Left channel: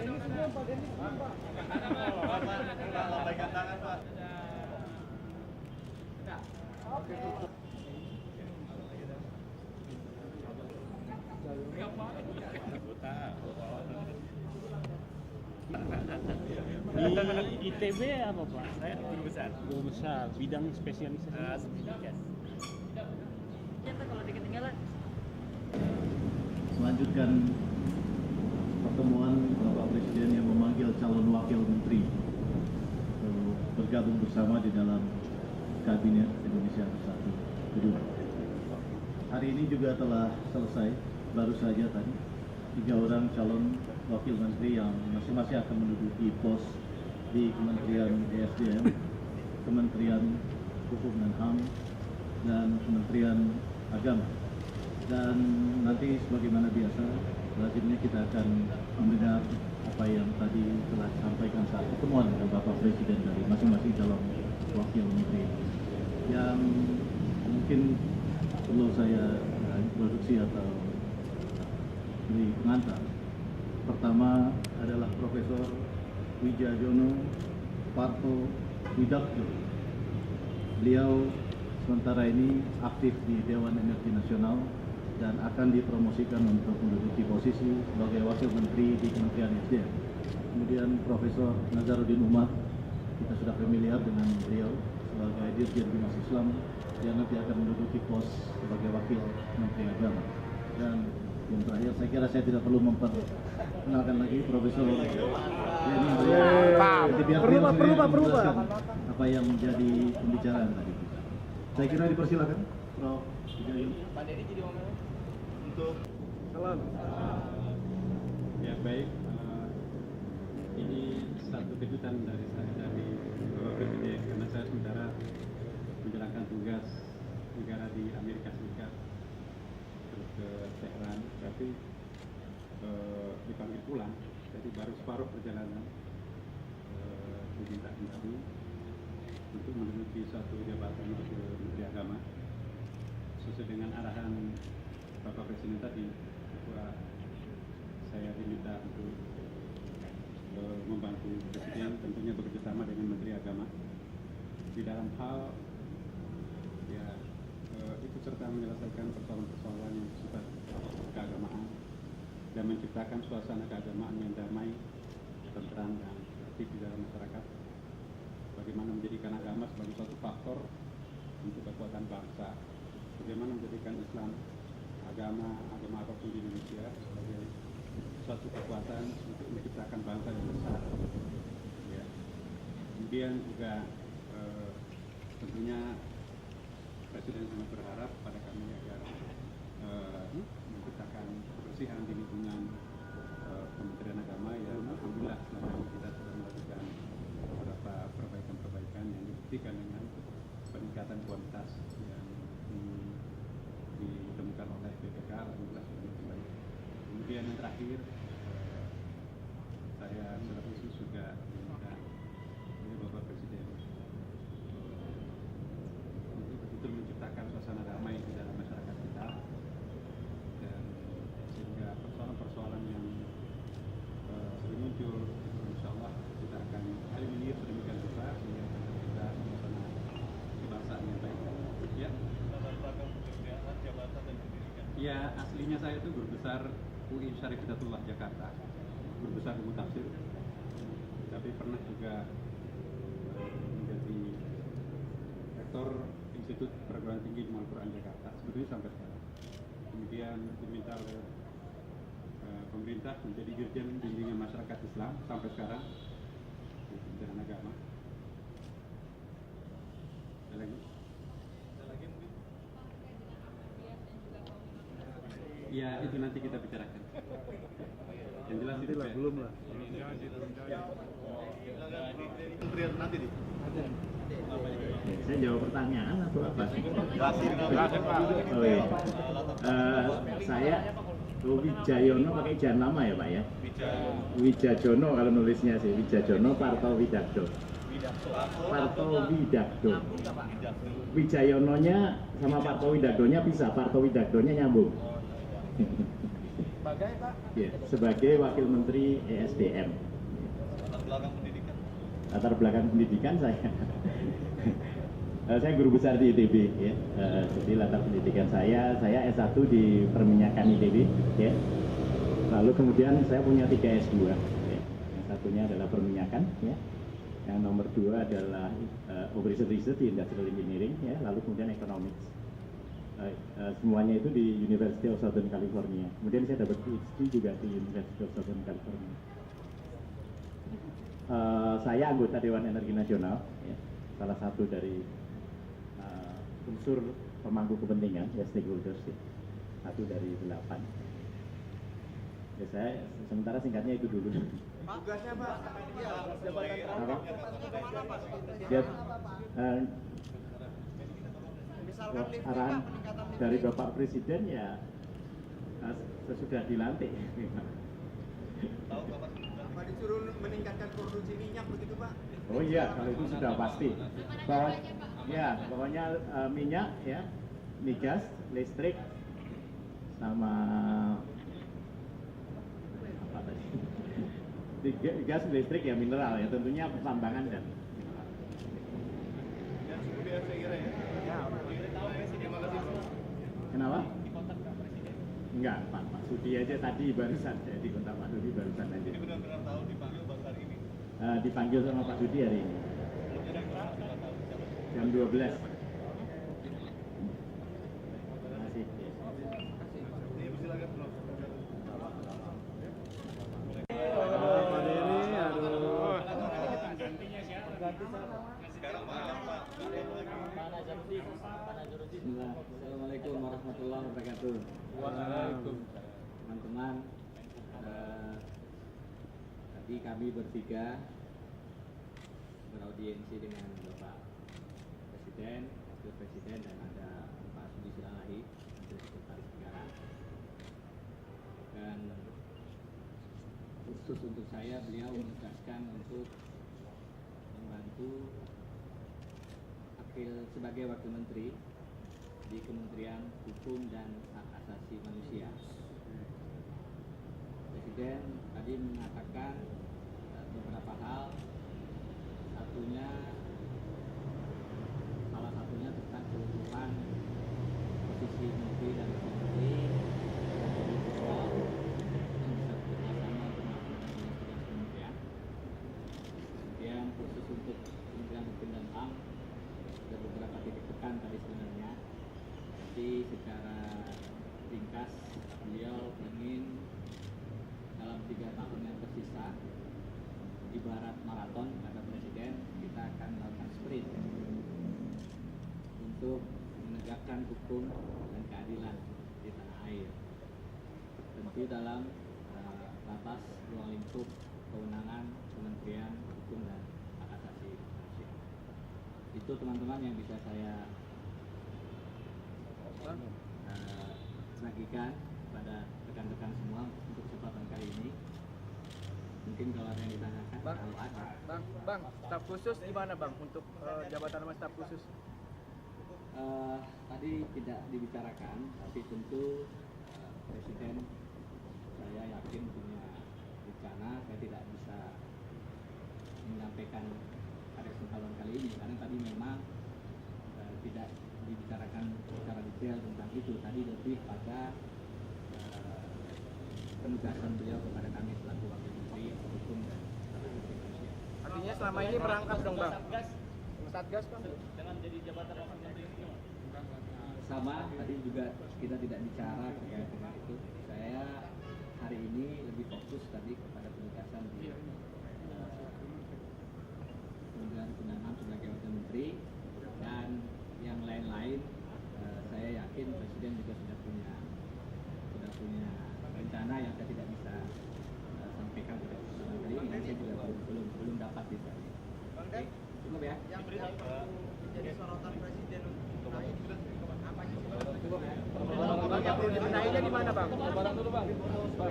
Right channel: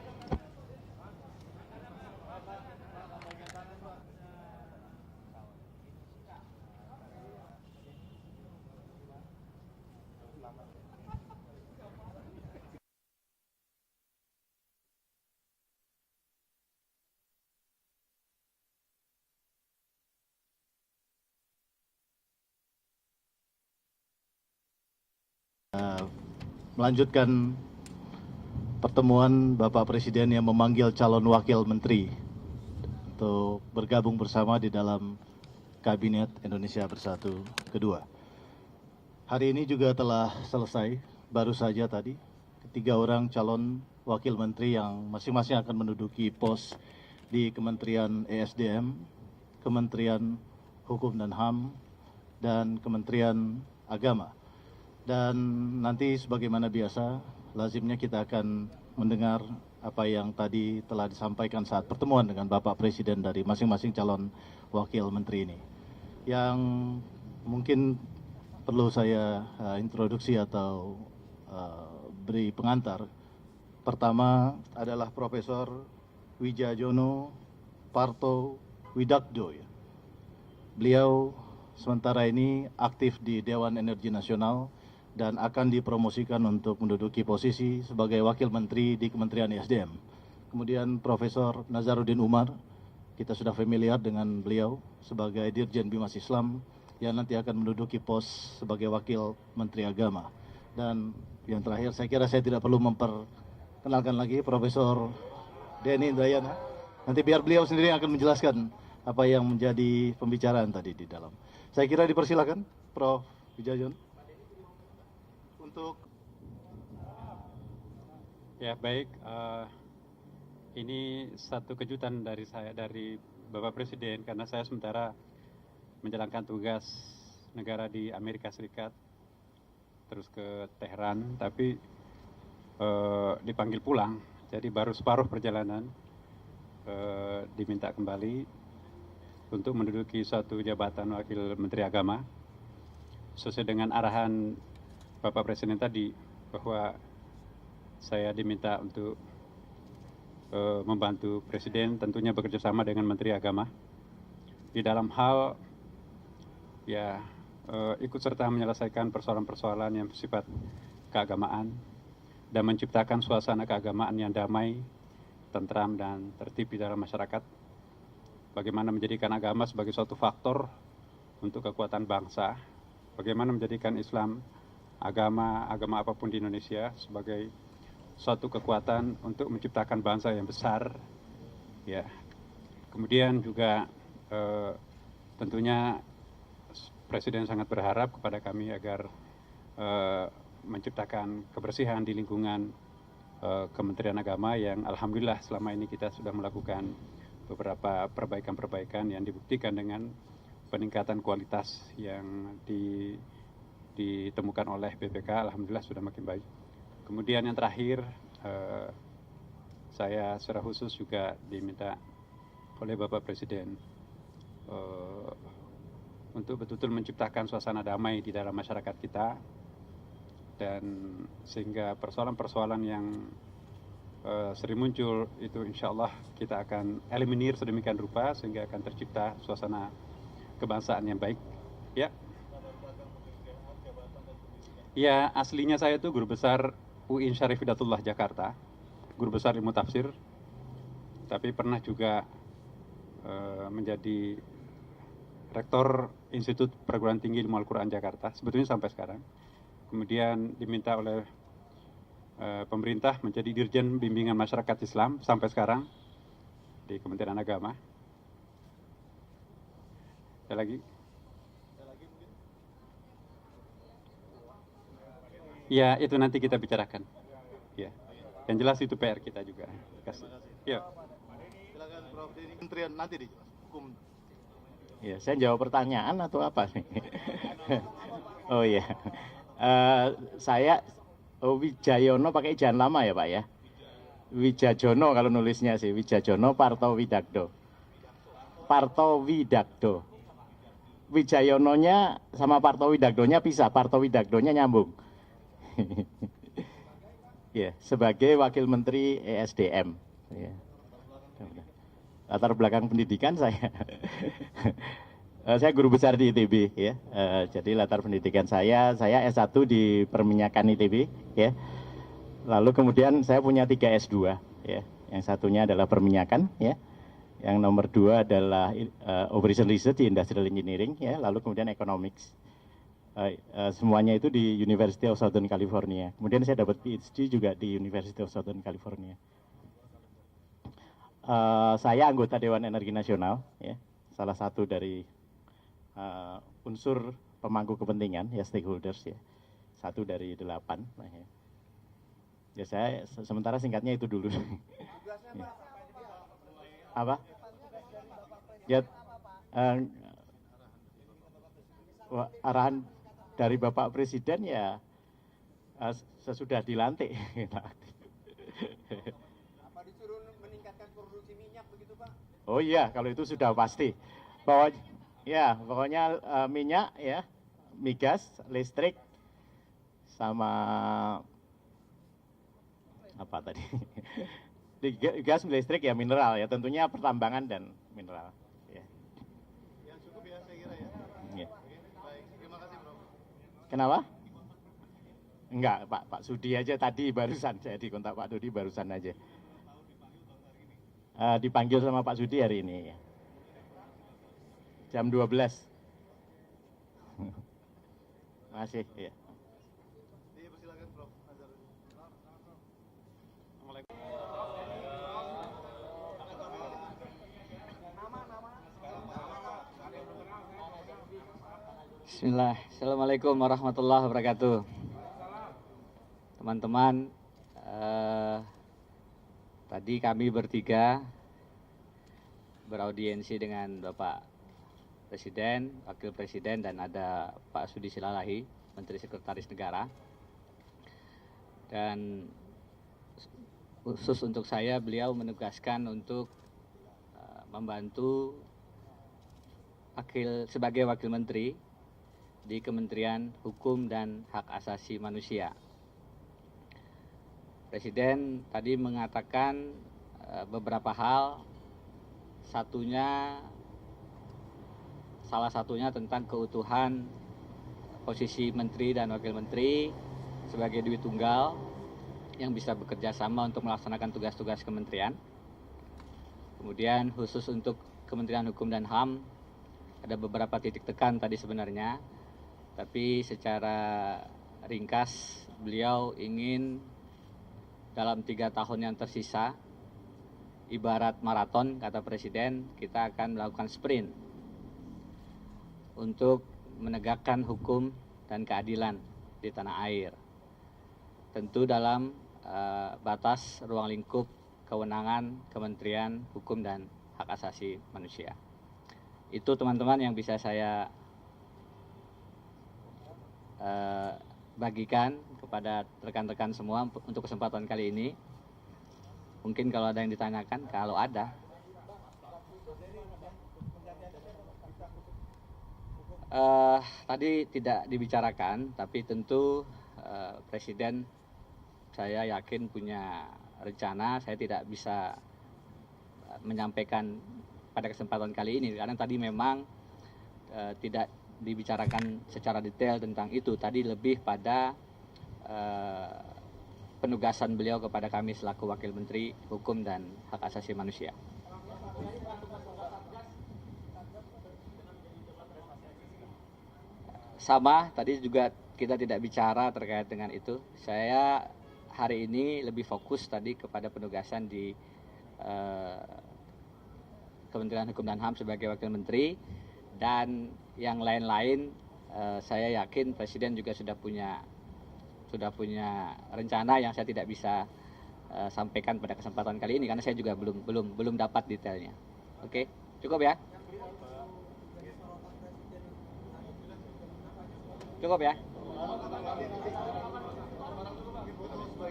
Di ITB apa Pak? Saya guru besar. Guru besar, bidang spesialisasi. Kalau ketinggalan. Melanjutkan pertemuan Bapak Presiden yang memanggil calon wakil menteri untuk bergabung bersama di dalam Kabinet Indonesia Bersatu kedua. Hari ini juga telah selesai, baru saja tadi, 3 orang calon wakil menteri yang masing-masing akan menduduki pos di Kementerian ESDM, Kementerian Hukum dan HAM, dan Kementerian Agama. Dan nanti sebagaimana biasa, lazimnya kita akan mendengar apa yang tadi telah disampaikan saat pertemuan dengan Bapak Presiden dari masing-masing calon wakil menteri ini. Yang mungkin perlu saya introduksi atau beri pengantar. Pertama adalah Profesor Wijajono Parto Widakdo. Beliau sementara ini aktif di Dewan Energi Nasional dan akan dipromosikan untuk menduduki posisi sebagai Wakil Menteri di Kementerian ESDM. Kemudian Profesor Nazarudin Umar, kita sudah familiar dengan beliau sebagai Dirjen Bimas Islam, yang nanti akan menduduki pos sebagai Wakil Menteri Agama. Dan yang terakhir, saya kira saya tidak perlu memperkenalkan lagi Profesor Denny Indrayana. Nanti biar beliau sendiri akan menjelaskan apa yang menjadi pembicaraan tadi di dalam. Saya kira dipersilakan, Prof. Wijajono. Untuk ya baik, ini satu kejutan dari saya, dari Bapak Presiden, karena saya sementara menjalankan tugas negara di Amerika Serikat terus ke Teheran, tapi dipanggil pulang, jadi baru separuh perjalanan diminta kembali untuk menduduki suatu jabatan Wakil Menteri Agama sesuai dengan arahan Bapak Presiden tadi, bahwa saya diminta untuk membantu Presiden, tentunya bekerja sama dengan Menteri Agama di dalam hal ya ikut serta menyelesaikan persoalan-persoalan yang bersifat keagamaan dan menciptakan suasana keagamaan yang damai, tentram, dan tertib di dalam masyarakat. Bagaimana menjadikan agama sebagai suatu faktor untuk kekuatan bangsa, bagaimana menjadikan Islam, agama apapun di Indonesia sebagai suatu kekuatan untuk menciptakan bangsa yang besar. Ya, kemudian juga tentunya Presiden sangat berharap kepada kami agar menciptakan kebersihan di lingkungan Kementerian Agama, yang alhamdulillah selama ini kita sudah melakukan beberapa perbaikan-perbaikan yang dibuktikan dengan peningkatan kualitas yang ditemukan oleh BPK, alhamdulillah sudah makin baik. Kemudian yang terakhir, saya secara khusus juga diminta oleh Bapak Presiden untuk betul-betul menciptakan suasana damai di dalam masyarakat kita, dan sehingga persoalan-persoalan yang sering muncul itu insya Allah kita akan eliminir sedemikian rupa sehingga akan tercipta suasana kebangsaan yang baik. Ya, ya, aslinya saya itu guru besar UIN Syarif Hidayatullah Jakarta, guru besar ilmu tafsir, tapi pernah juga menjadi Rektor Institut Perguruan Tinggi Ilmu Al-Quran Jakarta, sebetulnya sampai sekarang. Kemudian diminta oleh pemerintah menjadi Dirjen Bimbingan Masyarakat Islam sampai sekarang di Kementerian Agama. Ada lagi? Ya, itu nanti kita bicarakan. Ya, yang jelas itu PR kita juga. Pasti. Ya. Kementerian nanti nih. Ya, saya jawab pertanyaan atau apa sih? Oh iya, saya Wijayono pakai jangan lama ya Pak ya? Wijajono kalau nulisnya sih, Wijajono Parto Widakdo. Parto Widakdo. Wijayononya sama Parto Widakdonya pisah, Parto Widakdonya nyambung. Sebagai Pak Ya, sebagai Wakil Menteri ESDM. Ya. Latar belakang pendidikan saya. Saya guru besar di ITB, ya. Jadi latar pendidikan saya S1 di perminyakan ITB, ya. Lalu kemudian saya punya 3 S2, ya. Yang satunya adalah perminyakan, ya. Yang nomor 2 adalah Operation Research di Industrial Engineering, ya. Lalu kemudian Economics. Semuanya itu di University of Southern California. Kemudian saya dapat PhD juga di University of Southern California. Saya anggota Dewan Energi Nasional, ya. Salah satu dari unsur pemangku kepentingan, ya, stakeholders, ya. 1 dari 8. Ya, saya sementara singkatnya itu dulu. Apa? Ya, arahan dari Bapak Presiden ya sesudah dilantik. Apa disuruh meningkatkan produksi minyak begitu, Pak? Oh iya, kalau itu sudah pasti. Pokoknya minyak, ya, migas, listrik, sama apa tadi? Gas, listrik, ya, mineral, ya, tentunya pertambangan dan mineral. Kenapa? Enggak, Pak Sudi aja tadi barusan, saya di kontak Pak Sudi barusan aja. Dipanggil sama Pak Sudi hari ini. Jam 12. Terima kasih. Ya. Bismillah. Assalamualaikum warahmatullahi wabarakatuh. Teman-teman, tadi kami bertiga beraudiensi dengan Bapak Presiden, Wakil Presiden, dan ada Pak Sudi Silalahi, Menteri Sekretaris Negara. Dan khusus untuk saya, beliau menugaskan untuk membantu sebagai Wakil Menteri di Kementerian Hukum dan Hak Asasi Manusia. Presiden tadi mengatakan beberapa hal, salah satunya tentang keutuhan posisi Menteri dan Wakil Menteri sebagai duit tunggal yang bisa bekerja sama untuk melaksanakan tugas-tugas kementerian. Kemudian khusus untuk Kementerian Hukum dan HAM, ada beberapa titik tekan tadi sebenarnya, tapi secara ringkas beliau ingin dalam 3 tahun yang tersisa, ibarat maraton kata Presiden, kita akan melakukan sprint untuk menegakkan hukum dan keadilan di tanah air. Tentu dalam batas ruang lingkup kewenangan Kementerian Hukum dan Hak Asasi Manusia. Itu teman-teman yang bisa saya bagikan kepada rekan-rekan semua untuk kesempatan kali ini. Mungkin kalau ada yang ditanyakan, kalau ada. Bang, staf khusus gimana, Bang, untuk jabatan sama staf khusus? Tadi tidak dibicarakan, tapi tentu Presiden saya yakin punya rencana. Saya tidak bisa menyampaikan pada kesempatan kali ini karena tadi memang tidak dibicarakan secara detail tentang itu. Tadi lebih pada penugasan beliau kepada kami selaku Wakil Menteri Hukum dan Hak Asasi Manusia. Artinya selama ini merangkap dong, Bang? Satgas, Bang? Sama, tadi juga kita tidak bicara terkait dengan itu. Saya hari ini lebih fokus tadi kepada penugasan di Kementerian Hukum dan HAM sebagai Wakil Menteri, dan yang lain-lain saya yakin Presiden juga sudah punya rencana yang saya tidak bisa sampaikan pada kesempatan kali ini karena saya juga belum dapat detailnya. Oke, cukup ya? Cukup ya? Yang perlu dibenahinya di mana, Bang?